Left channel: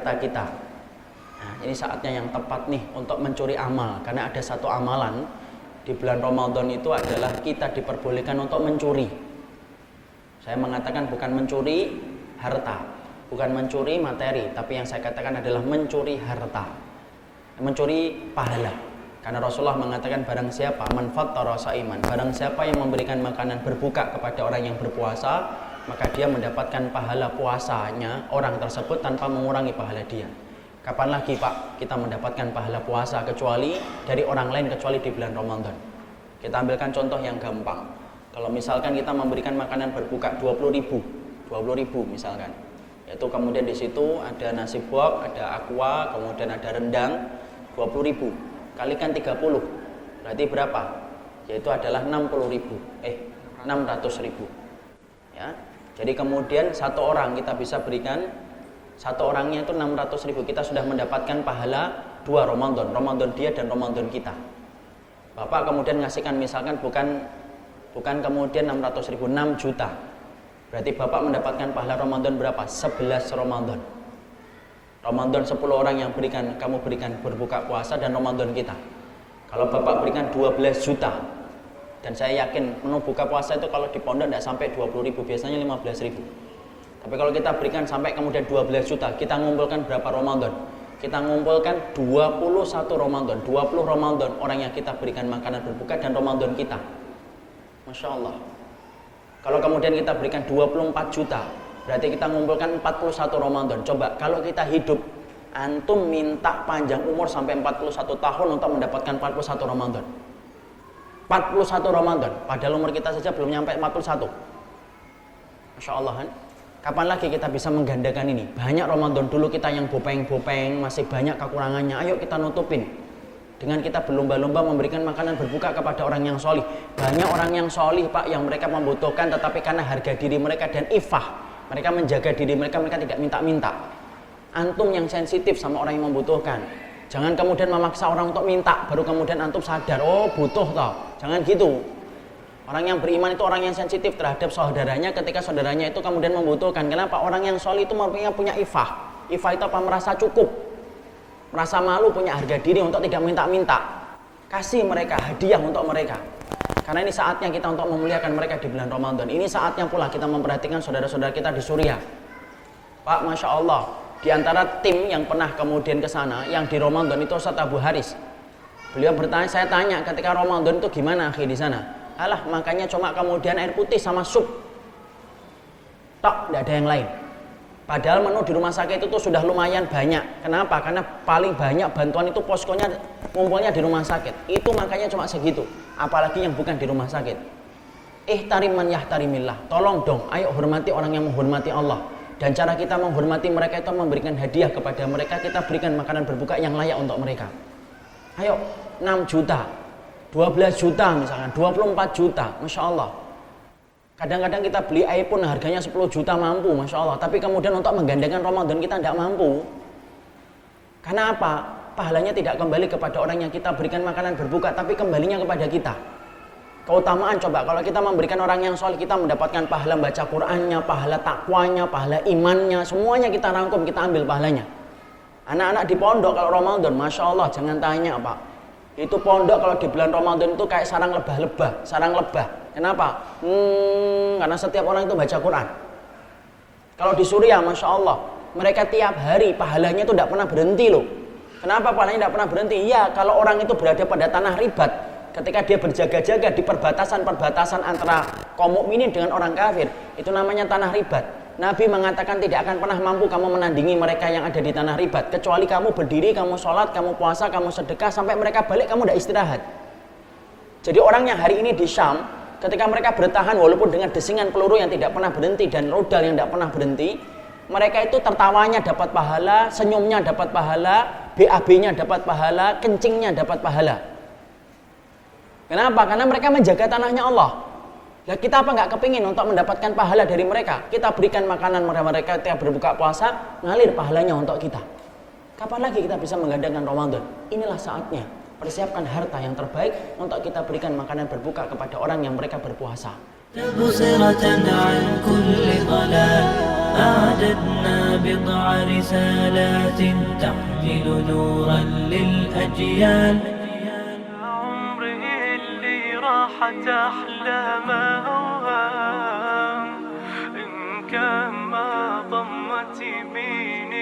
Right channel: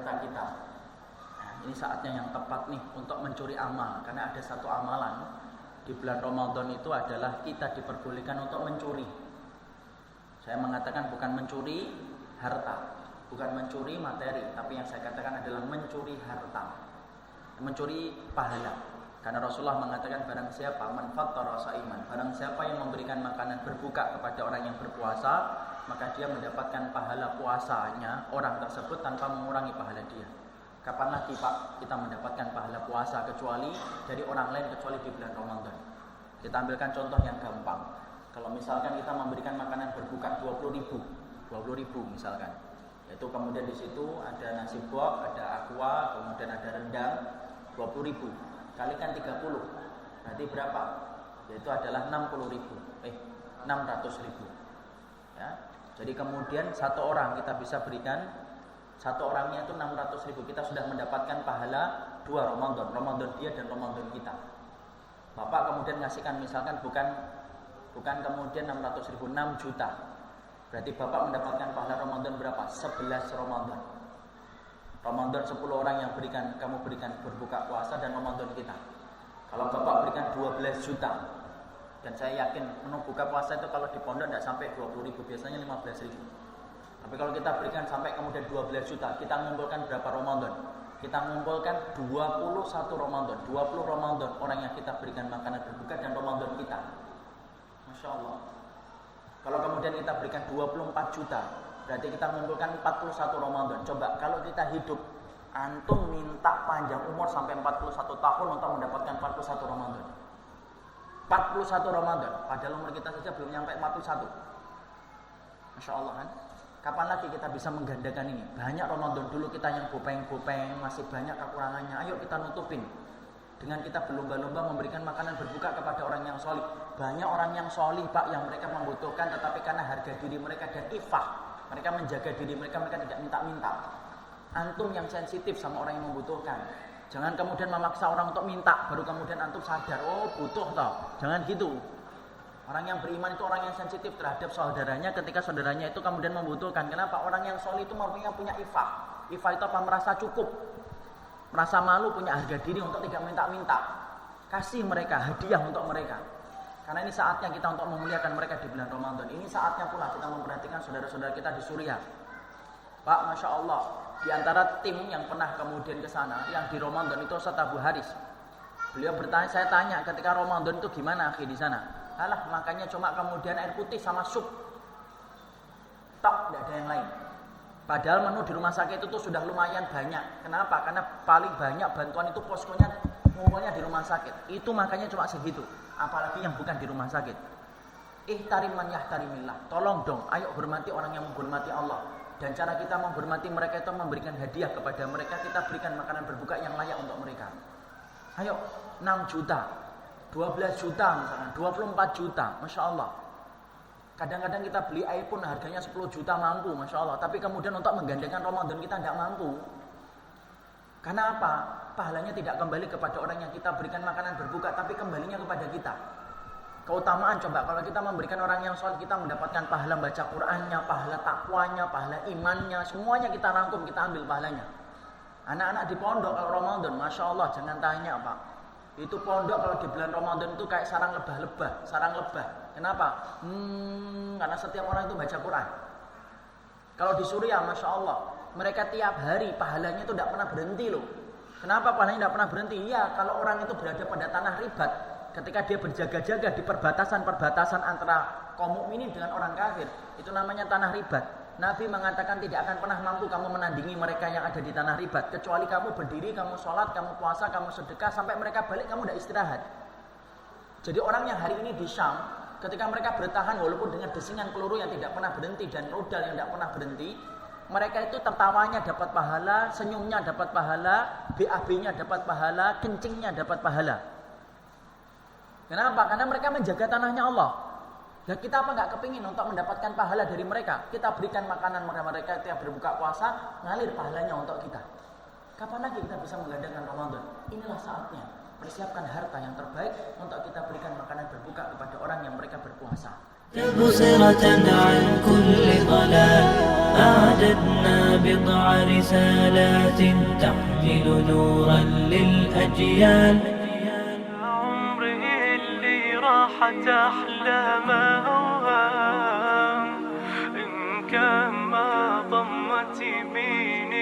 harta kita. Nah, ini saatnya yang tepat nih untuk mencuri amal, karena ada satu amalan di bulan Ramadan itu adalah kita diperbolehkan untuk mencuri. Saya mengatakan bukan mencuri harta, bukan mencuri materi, tapi yang saya katakan adalah mencuri harta, mencuri pahala. Karena Rasulullah mengatakan barang siapa man fattara shaiman, barang siapa yang memberikan makanan berbuka kepada orang yang berpuasa, maka dia mendapatkan pahala puasanya orang tersebut tanpa mengurangi pahala dia. Kapan lagi Pak kita mendapatkan pahala puasa kecuali dari orang lain, kecuali di bulan Ramadan. Kita ambilkan contoh yang gampang. Kalau misalkan kita memberikan makanan berbuka 20.000 misalkan, yaitu kemudian di situ ada nasi box, ada aqua, kemudian ada rendang, 20.000 kalikan 30 berarti berapa? Yaitu adalah 600.000 ya. Jadi kemudian satu orang kita bisa berikan, satu orangnya itu 600.000, kita sudah mendapatkan pahala 2 Ramadan dia dan Ramadan kita. Bapak kemudian ngasihkan misalkan bukan kemudian 600.000, 6 juta. Berarti Bapak mendapatkan pahala Ramadan berapa? 11 Ramadan. Ramadan 10 orang yang kamu berikan berbuka puasa dan Ramadan kita. Kalau Bapak berikan 12 juta, dan saya yakin menu buka puasa itu kalau di pondok tidak sampai 20.000, biasanya 15.000. Tapi kalau kita berikan sampai kemudian 12 juta, kita ngumpulkan berapa Ramadan? Kita ngumpulkan 21 Ramadan, 20 Ramadan orang yang kita berikan makanan berbuka dan Ramadan kita. Masya Allah. Kalau kemudian kita berikan 24 juta, berarti kita ngumpulkan 41 Ramadan. Coba kalau kita hidup, antum minta panjang umur sampai 41 tahun untuk mendapatkan 41 Ramadan. 41 Ramadan, padahal umur kita saja belum nyampe 41. Masya Allah kan? Kapan lagi kita bisa menggandakan ini? Banyak Ramadan dulu kita yang bopeng-bopeng, masih banyak kekurangannya. Ayo kita nutupin dengan kita berlomba-lomba memberikan makanan berbuka kepada orang yang solih. Banyak orang yang solih Pak, yang mereka membutuhkan, tetapi karena harga diri mereka dan ifah, mereka menjaga diri mereka tidak minta-minta. Antum yang sensitif sama orang yang membutuhkan, jangan kemudian memaksa orang untuk minta, baru kemudian antum sadar, oh butuh tau. Jangan gitu. Orang yang beriman itu orang yang sensitif terhadap saudaranya ketika saudaranya itu kemudian membutuhkan. Kenapa? Orang yang solih itu punya ifah. Ifah itu apa? Merasa cukup, merasa malu, punya harga diri untuk tidak minta-minta. Kasih mereka hadiah untuk mereka. Karena ini saatnya kita untuk memuliakan mereka di bulan Ramadan. Ini saatnya pula kita memperhatikan saudara-saudara kita di Suriah. Pak, Masya Allah, di antara tim yang pernah kemudian ke sana, yang di Ramadan itu Ustaz Abu Haris. Beliau bertanya, saya tanya ketika Ramadan itu gimana akhi di sana? Alah, makanya cuma kemudian air putih sama sup. Tok, tidak ada yang lain. Padahal menu di rumah sakit itu tuh sudah lumayan banyak. Kenapa? Karena paling banyak bantuan itu poskonya ngumpulnya di rumah sakit. Itu makanya cuma segitu. Apalagi yang bukan di rumah sakit. Ihtarim man yahtarimillah. Tolong dong, ayo hormati orang yang menghormati Allah. Dan cara kita menghormati mereka itu memberikan hadiah kepada mereka. Kita berikan makanan berbuka yang layak untuk mereka. Ayo, 6 juta. 12 juta misalkan, 24 juta, Masya Allah. Kadang-kadang kita beli iPhone harganya 10 juta mampu, Masya Allah. Tapi kemudian untuk menggandakan Ramadan kita tidak mampu. Karena apa? Pahalanya tidak kembali kepada orang yang kita berikan makanan berbuka, tapi kembalinya kepada kita. Keutamaan coba, kalau kita memberikan orang yang soleh, kita mendapatkan pahala baca Qur'annya, pahala takwanya, pahala imannya, semuanya kita rangkum, kita ambil pahalanya. Anak-anak di pondok kalau Ramadan, Masya Allah, jangan tanya Pak. Itu pondok kalau di bulan Ramadan itu kayak sarang lebah. Kenapa? Karena setiap orang itu baca Quran. Kalau di Suriah, Masya Allah, mereka tiap hari pahalanya itu tidak pernah berhenti loh. Kenapa pahalanya tidak pernah berhenti? Ya, kalau orang itu berada pada tanah ribat, ketika dia berjaga-jaga di perbatasan antara kaum mukminin dengan orang kafir, itu namanya tanah ribat. Nabi mengatakan tidak akan pernah mampu kamu menandingi mereka yang ada di tanah ribat, kecuali kamu berdiri, kamu sholat, kamu puasa, kamu sedekah, sampai mereka balik kamu tidak istirahat. Jadi orang yang hari ini di Syam, ketika mereka bertahan walaupun dengan desingan peluru yang tidak pernah berhenti dan rudal yang tidak pernah berhenti, mereka itu tertawanya dapat pahala, senyumnya dapat pahala, BAB-nya dapat pahala, kencingnya dapat pahala. Kenapa? Karena mereka menjaga tanahnya Allah. Nah, kita apa nggak kepingin untuk mendapatkan pahala dari mereka? Kita berikan makanan mereka tiap berbuka puasa, ngalir pahalanya untuk kita. Kapan lagi kita bisa menggandakan Ramadan? Inilah saatnya. Persiapkan harta yang terbaik untuk kita berikan makanan berbuka kepada orang yang mereka berpuasa. تبصرة عن كل ضلال أعددنا بضع رسالات تحمل نورا للأجيال. عمره اللي راحت أحلام أوهام إن كان ما ضمت يمين